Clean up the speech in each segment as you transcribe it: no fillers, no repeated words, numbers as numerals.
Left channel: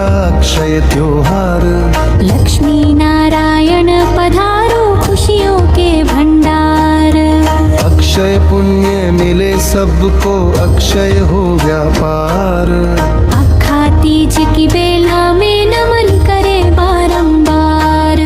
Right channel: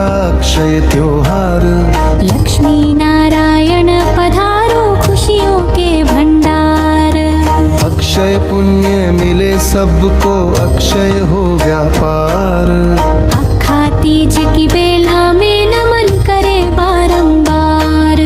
आया अक्षय त्योहार। लक्ष्मी नारायण पधारो खुशियों के भंडार। अक्षय पुण्य मिले सबको, अक्षय हो व्यापार। अखा तीज की बेला में नमन करे बारंबार।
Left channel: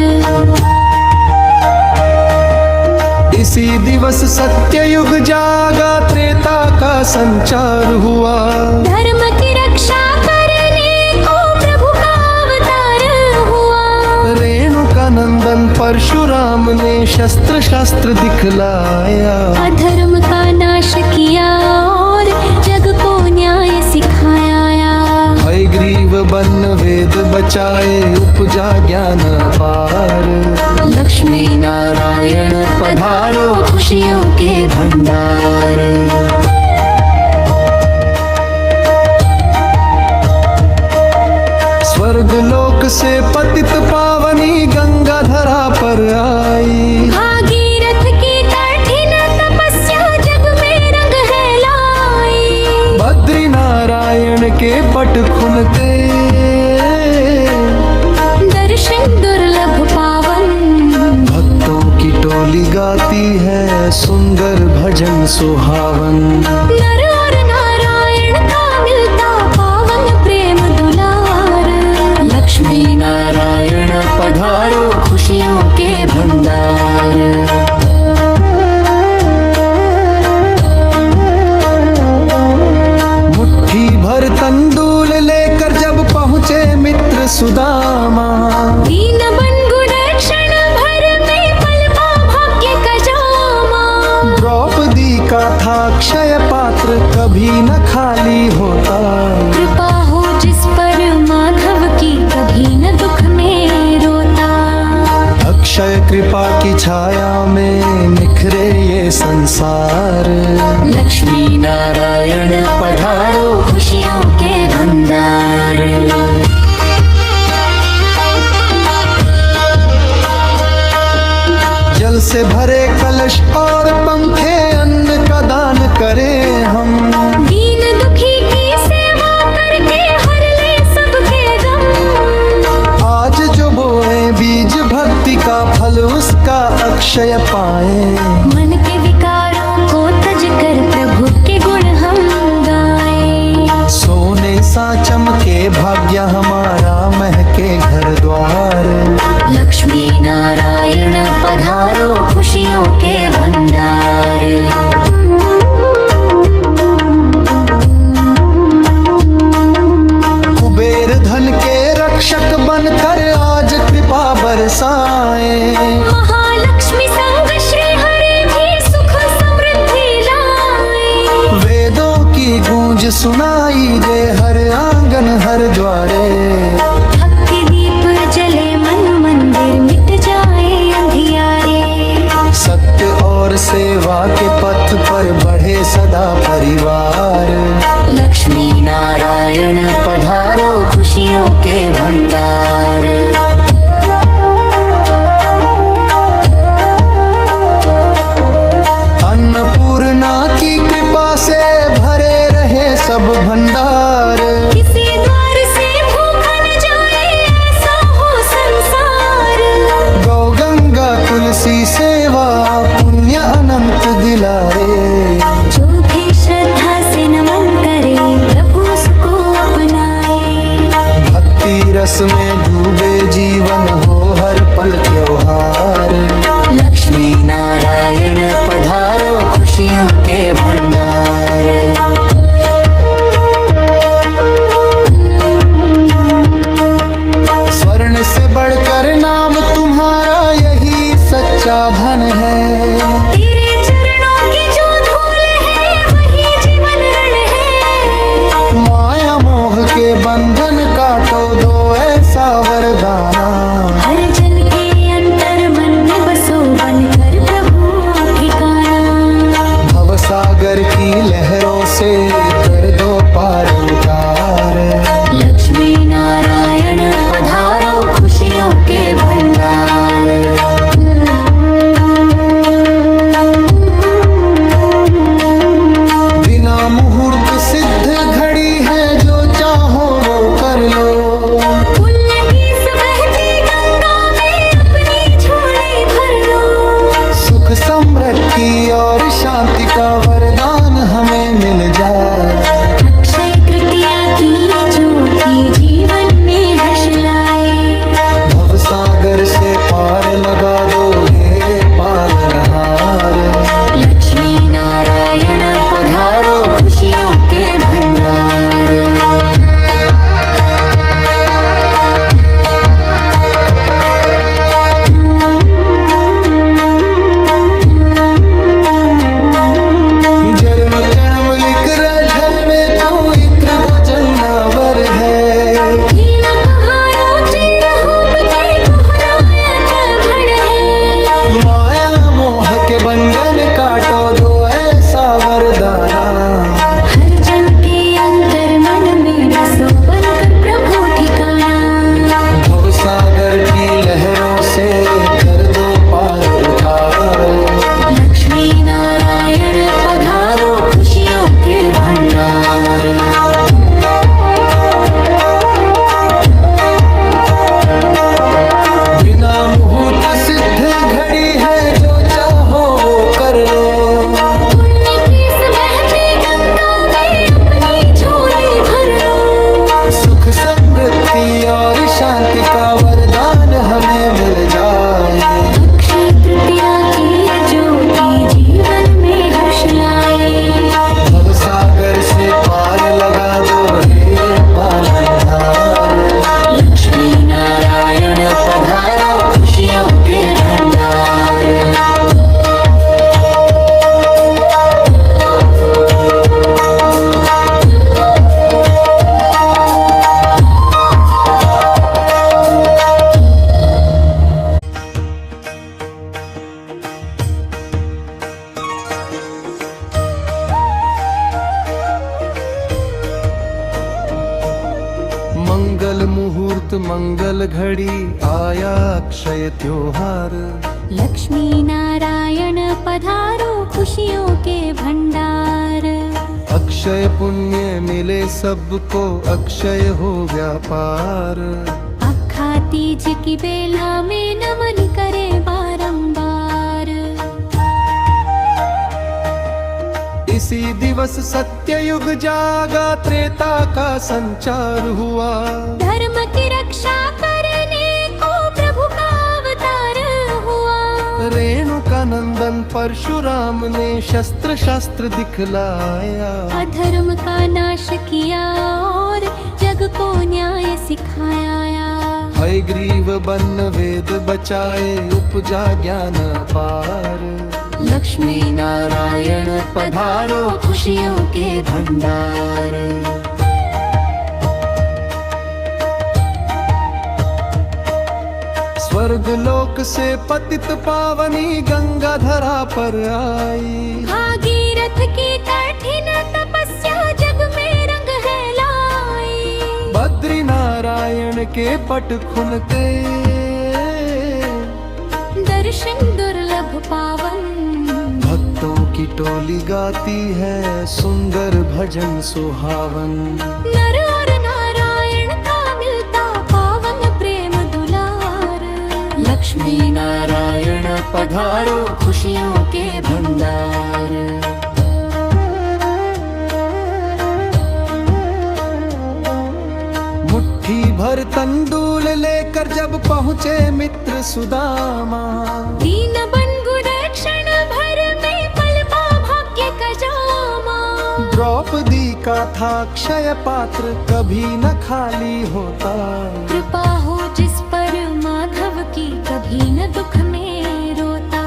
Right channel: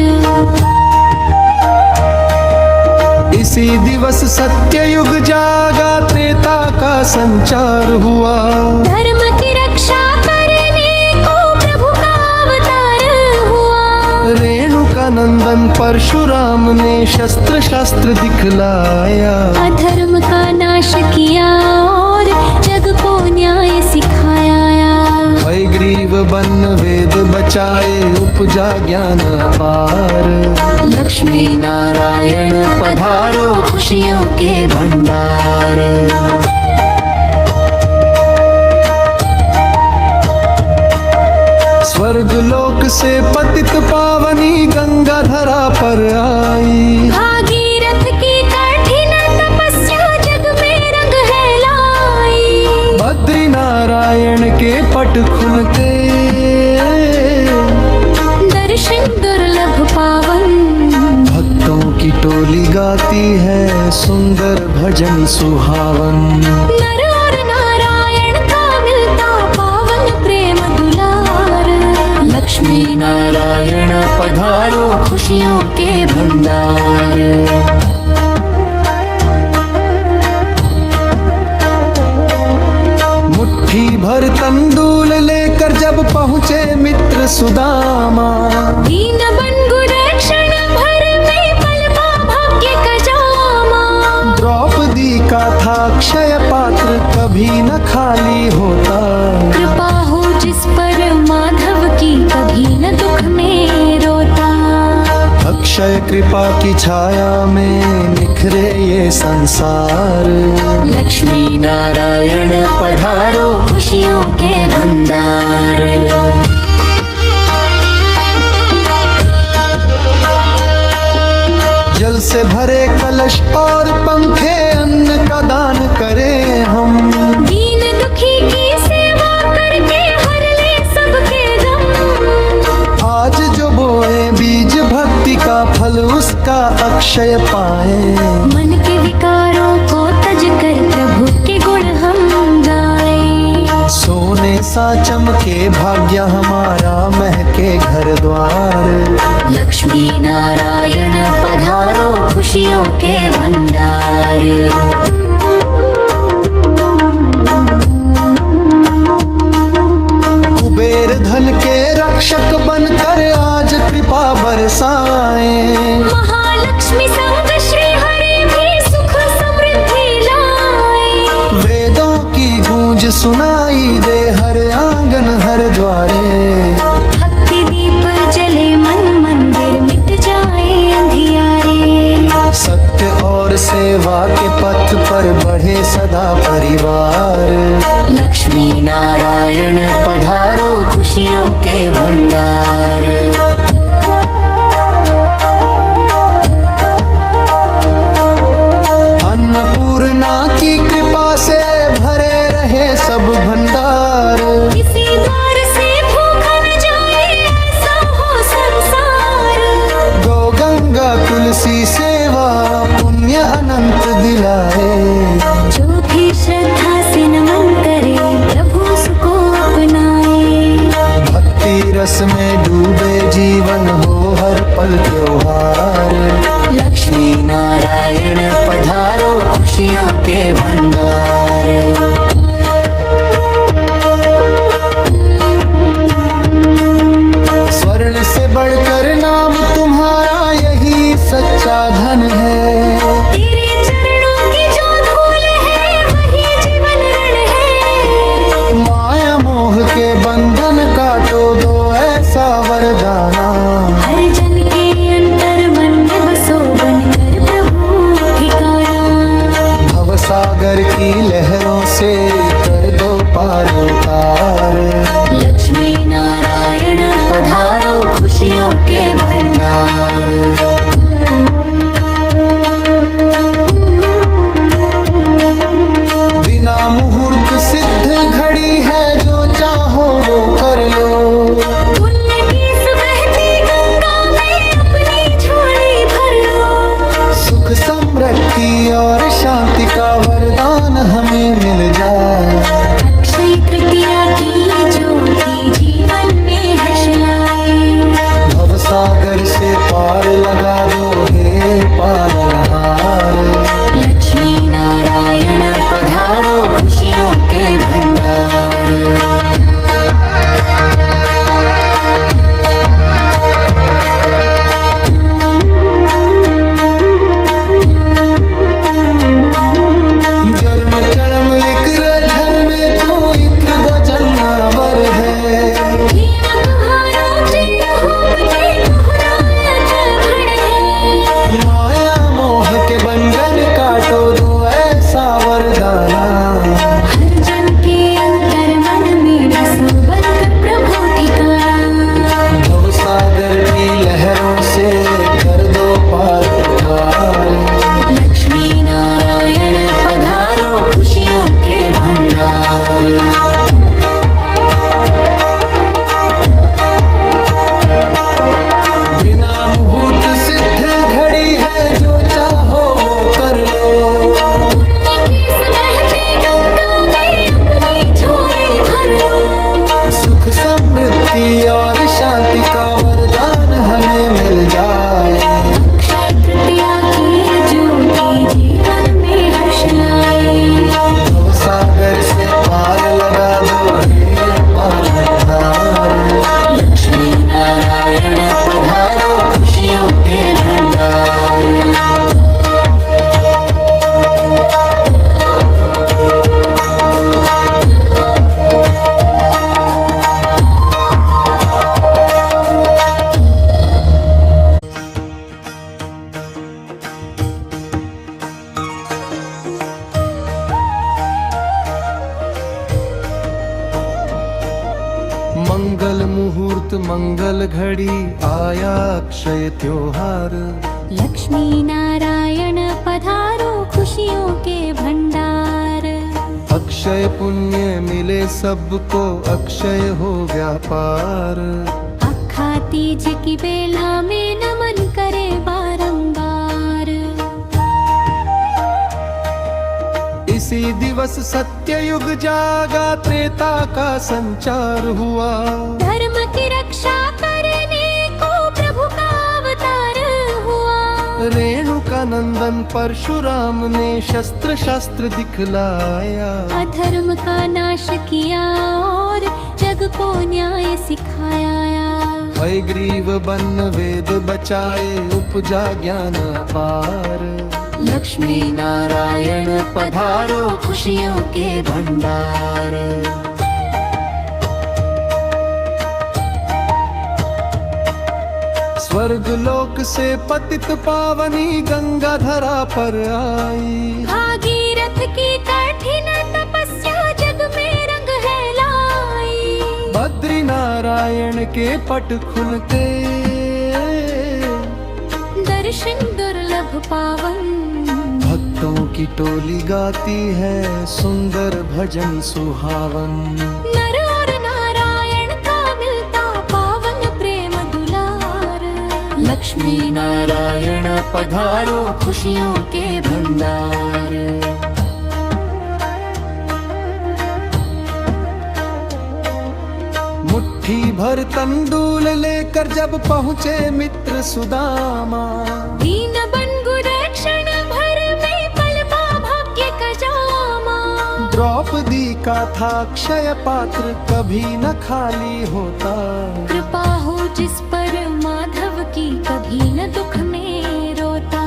इसी दिवस सत्य युग जागा, त्रेता का संचार हुआ। धर्म की रक्षा करने को प्रभु का अवतार हुआ। रेणुका नंदन परशुराम ने शस्त्र शास्त्र दिखलाया। अधर्म का नाश किया और जग को न्याय सिखाया। हयग्रीव बन वेद बचाए, उपजा ज्ञान अपार। लक्ष्मी नारायण पधारो खुशियों के भंडार। स्वर्ग लोक से पतित पावनी गंगा धरा पर आई। भागीरथ की कठिन तपस्या जग में रंग है लाई। बद्री नारायण के पट खुलते, दर्शन दुर्लभ पावन। भक्तों की टोली गाती है सुंदर भजन सुहावन। नर और नारायण का मिलता पावन प्रेम दुलार। लक्ष्मी नारायण पधारो खुशियों के भंडार। मुट्ठी भर तंदूल लेकर जब पहुँचे मित्र सुदामा। दीन बंधु रक्षण भर में पलपा भाग्य का जामा। द्रौपदी का था अक्षय पात्र, कभी न खाली होता। कृपा हो जिस पर माधव की, कभी न दुख में रोता। अक्षय कृपा की छाया में निखरे ये संसार। लक्ष्मी नारायण पधारो खुशियों के भंडार। जल से भरे कलश और पंखे, अन्न का दान करें हम। दीन दुखी की सेवा करके हर ले सबके गम। आज जो बोए बीज भक्ति का, फल उसका अक्षय पाए। मन के विकारों को तज कर प्रभु के गुण हम गाए। सोने सा चमके भाग्य हमारा, महके घर द्वार। लक्ष्मी नारायण पधारो खुशियों के भंडार। कुबेर धन के रक्षक बनकर आज कृपा बरसाएं। महालक्ष्मी संग श्री हरि भी सुख समृद्धि लाए। वेदों की गूंज सुनाई दे हर आंगन हर द्वारे। भक्ति दीप जले मन मंदिर, मिट जाए अंधियारे। सत्य और सेवा के पथ पर बढ़े सदा परिवार। लक्ष्मी नारायण पधारो खुशियों के भंडार। अन्नपूर्णा की कृपा से भरे रहे सब भंडार। किसी द्वार से भूखा न जाए, ऐसा हो संसार। गौ गंगा तुलसी सेवा, पुण्य अनंत दिलाए। जो भी श्रद्धा से नमन करे, प्रभु उसको अपनाए। भक्ति रस में डूबे जीवन हो हर पल त्योहार। लक्ष्मी नारायण पधारो खुशियों के भंडार। स्वर्ण से बढ़कर नाम तुम्हारा, यही सच्चा धन है। तेरे चरणों की जो धूल है, वही जीवन ऋण है। माया मोह के बंधन काटो, दो ऐसा वरदाना। हर जन के अंतर मन में बसो, बनकर प्रभु ठिकाना। भवसागर की लहरों से कर दो पार उतार। लक्ष्मी नारायण पधारो खुशियों के भंडार। बिना बिना मुहूर्त सिद्ध घड़ी है, जो चाहो वो कर लो। पुण्य की इस बहती गंगा में अपनी झोली भर लो। सुख समृद्धि और शांति का वरदान हमें मिल जाए। अक्षय तृतीया की ज्योति जीवन में हर्ष लाए। भव सागर से पार लगा दो हे पालनहार। लक्ष्मी नारायण पधारो खुशियों के भंडार। जन्म चणम लिख झर में तू इत्र भजनावर है। लीला तुहारो चिर होप के कहनायक भण है। माया मोह के बंधन काटो दो ऐसा वरदाना। हर जन के अंतर मन में बसो बनकर प्रभु ठिकाना। भव सागर की लहरों से कर दो पार उतार। लक्ष्मी नारायण पधारो खुशियों के भंडार। बिना मुहूर्त सिद्ध घड़ी है, जो चाहो वो कर लो। पुण्य की इस बहती गंगा में अपनी झोली भर लो। सुख समृद्धि और शांति का वरदान हमें मिल जाए। अक्षय तृतीया की ये ज्योति जीवन में हर्ष लाए। भव सागर से पार लगा दो हे पालनहार। लक्ष्मी नारायण पधारो खुशियों के भंडार। मंगल मुहूर्त मंगल घड़ी आया अक्षय त्योहार। लक्ष्मी नारायण पधारो खुशियों के भंडार। अक्षय पुण्य मिले सबको, अक्षय हो व्यापार। अखा तीज की बेला में नमन करे बारंबार। इसी दिवस सत्य युग जागा, त्रेता का संचार हुआ। धर्म की रक्षा करने को प्रभु का अवतार हुआ। रेणुका नंदन परशुराम ने शस्त्र शास्त्र दिखलाया। अधर्म का नाश किया और जग को न्याय सिखाया। हयग्रीव बन वेद बचाए, उपजा ज्ञान पार। लक्ष्मी नारायण पधारो खुशियों के भंडार। स्वर्ग लोक से पतित पावनी गंगा धरा पर आई। भागीरथ की कठिन तपस्या जग में रंग है लाई। बद्री नारायण के पट खुलते, दर्शन दुर्लभ पावन। भक्तों की टोली गाती है सुंदर भजन सुहावन। नर और नारायण का मिलता पावन प्रेम दुलार। लक्ष्मी नारायण पधारो खुशियों के भंडार। मुट्ठी भर तंदूल लेकर जब पहुँचे मित्र सुदामा। दीन बंधु दक्षिण भर में पलपा भाग्य का जामा। द्रौपदी का था अक्षय पात्र, कभी न खाली होता। कृपा हो जिस पर माधव की, कभी न दुख में रोता।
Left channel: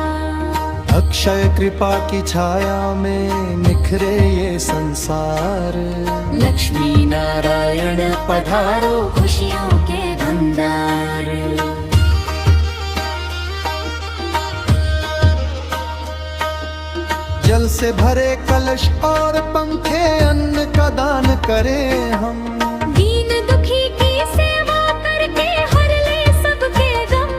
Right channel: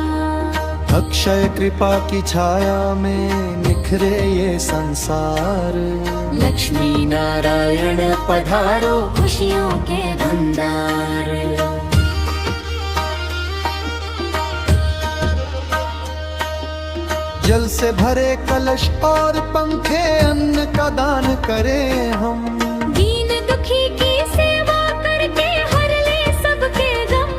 अक्षय कृपा की छाया में निखरे ये संसार। लक्ष्मी नारायण पधारो खुशियों के भंडार। जल से भरे कलश और पंखे, अन्न का दान करें हम। दीन दुखी की सेवा करके हर ले सबके गम।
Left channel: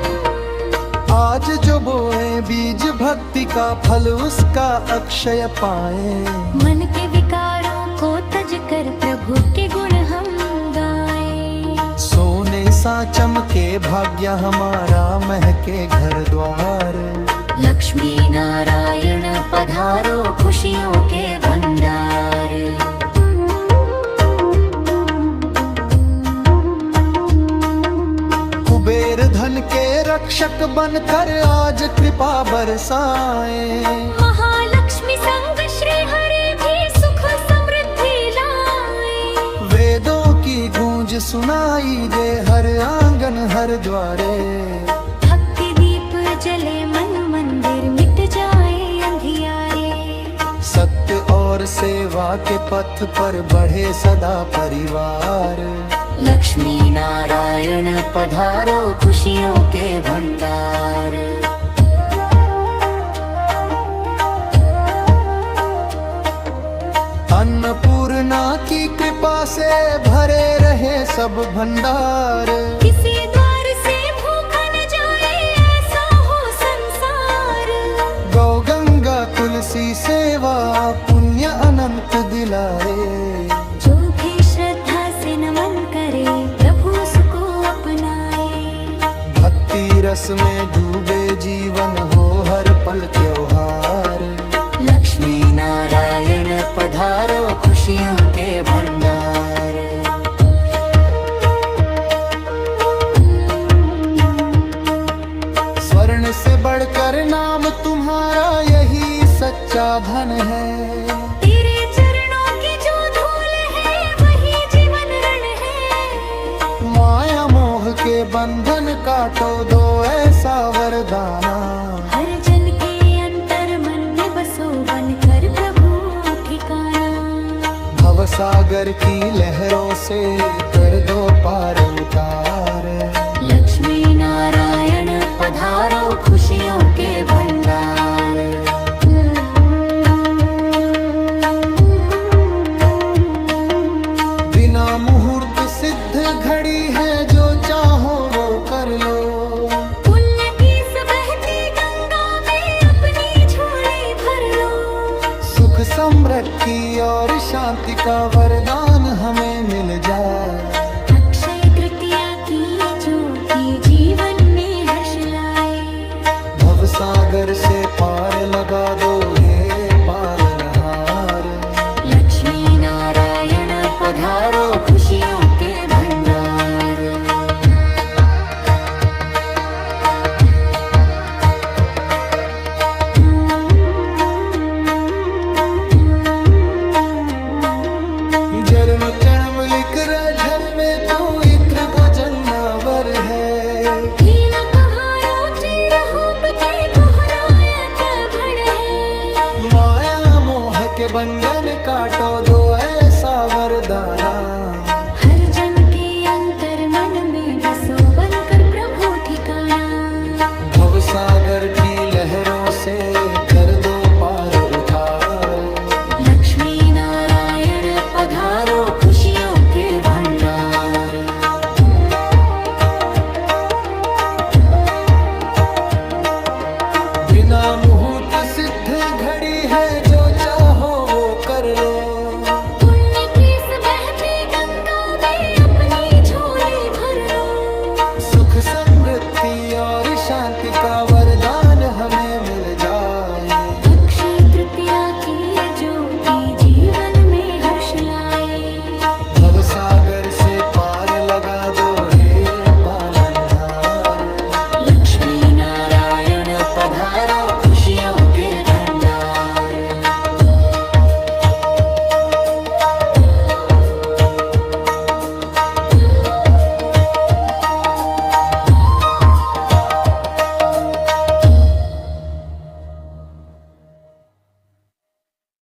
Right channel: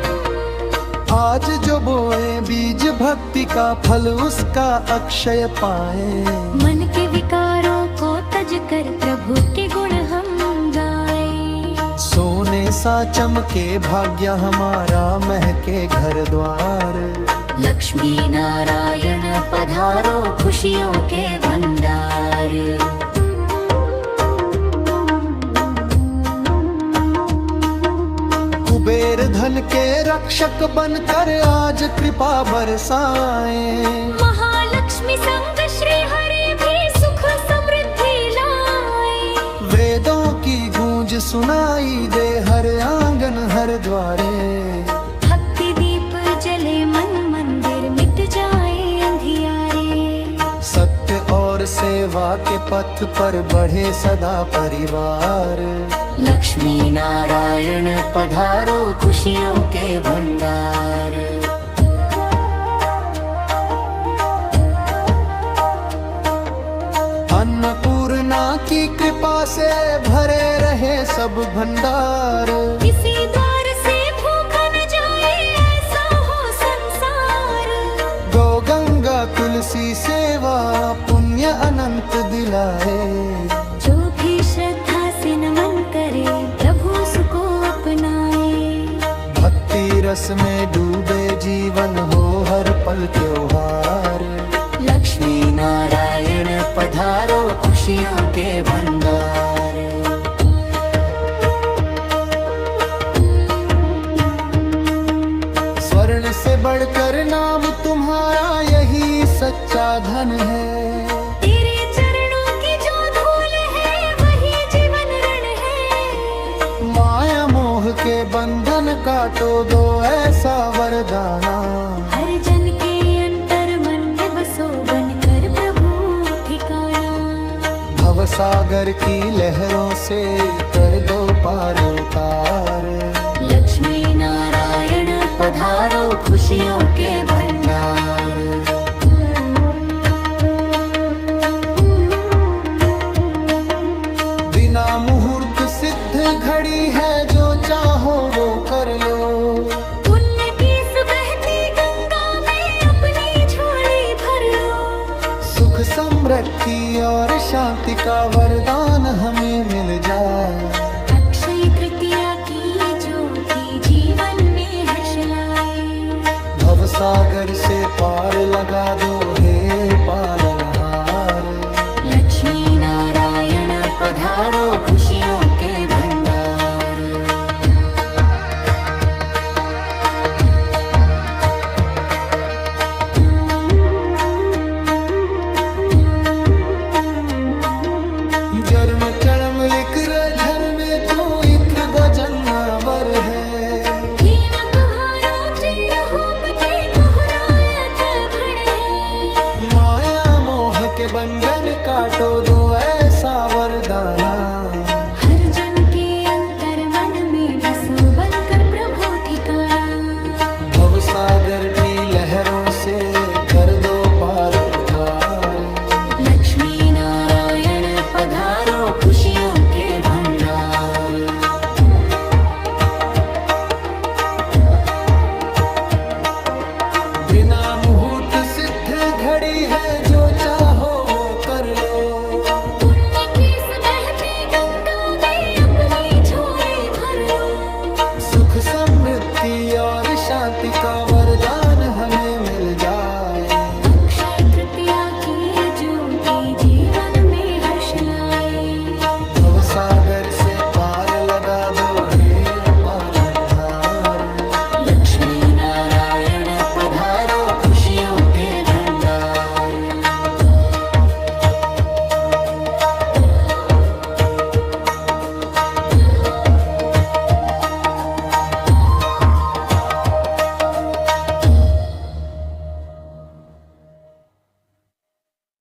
आज जो बोए बीज भक्ति का फल उसका अक्षय पाए। मन के विकारों को तज कर प्रभु के गुण हम गाए। सोने सा चमके भाग्य हमारा महके घर द्वार। लक्ष्मी नारायण पधारो खुशियों के भंडार। कुबेर धन के रक्षक बनकर आज कृपा बरसाए। महालक्ष्मी संग श्री हरि भी सुख समृद्धि लाए। वेदों की गूंज सुनाई दे हर आंगन हर द्वारे। भक्ति दीप जले मन मंदिर मिट जाए अंधियारे। सत्य और सेवा के पथ पर बढ़े सदा परिवार। लक्ष्मी नारायण पधारो खुशियों के भंडार। अन्नपूर्णा की कृपा से भरे रहे सब भंडार। किसी द्वार से भूखा न जाए ऐसा हो संसार। गौ गंगा तुलसी सेवा पुण्य अनंत दिलाए। जो भी श्रद्धा से नमन करे प्रभु उसको अपनाए। भक्ति रस में डूबे जीवन हो हर पल त्योहार। लक्ष्मी नारायण पधारो खुशियों के भंडार। स्वर्ण से बढ़कर नाम तुम्हारा यही सच्चा धन है। तेरे चरणों की जो धूल है वही जीवन ऋण है। माया मोह के बंधन काटो दो ऐसा वरदाना। हर जन के अंतर मन में बसो बनकर प्रभु ठिकाना। भव सागर की लहरों से कर दो पार उतार। लक्ष्मी नारायण पधारो खुशियों के भंडार। बिना मुहूर्त सिद्ध घड़ी है जो चाहो वो कर लो। पुण्य की इस बहती गंगा में अपनी झोली भर लो। सुख समृद्धि और शांति का वरदान हमें मिल जाए। अक्षय तृतीया की ये ज्योति जीवन में हर्ष लाए। भव सागर से पार लगा दो हे पालनहार। लक्ष्मी नारायण पधारो खुशियों के भंडार। जन्म जन्म लिख झर में तू इत्र भजनावर है। दीन तुहारो चिर होप के कहनायक भण है। माया मोह के बंधन काटो दो ऐसा वरदाना। हर जन के अंतर मन में बसो बनकर प्रभु ठिकाना। भव सागर की लहरों से कर दो पार उतार। लक्ष्मी नारायण पधारो खुशियों के भंडार। बिना मुहूर्त सिद्ध घड़ी है जो चाहो वो कर लो। पुण्य की इस बहती गंगा में अपनी झोली भर लो। सुख समृद्धि और शांति का वरदान हमें मिल जाए। अक्षय तृतीया की ये ज्योति जीवन में हर्ष लाए। भव सागर से पार लगा दो हे पालनहार। लक्ष्मी नारायण पधारो खुशियों के भंडार।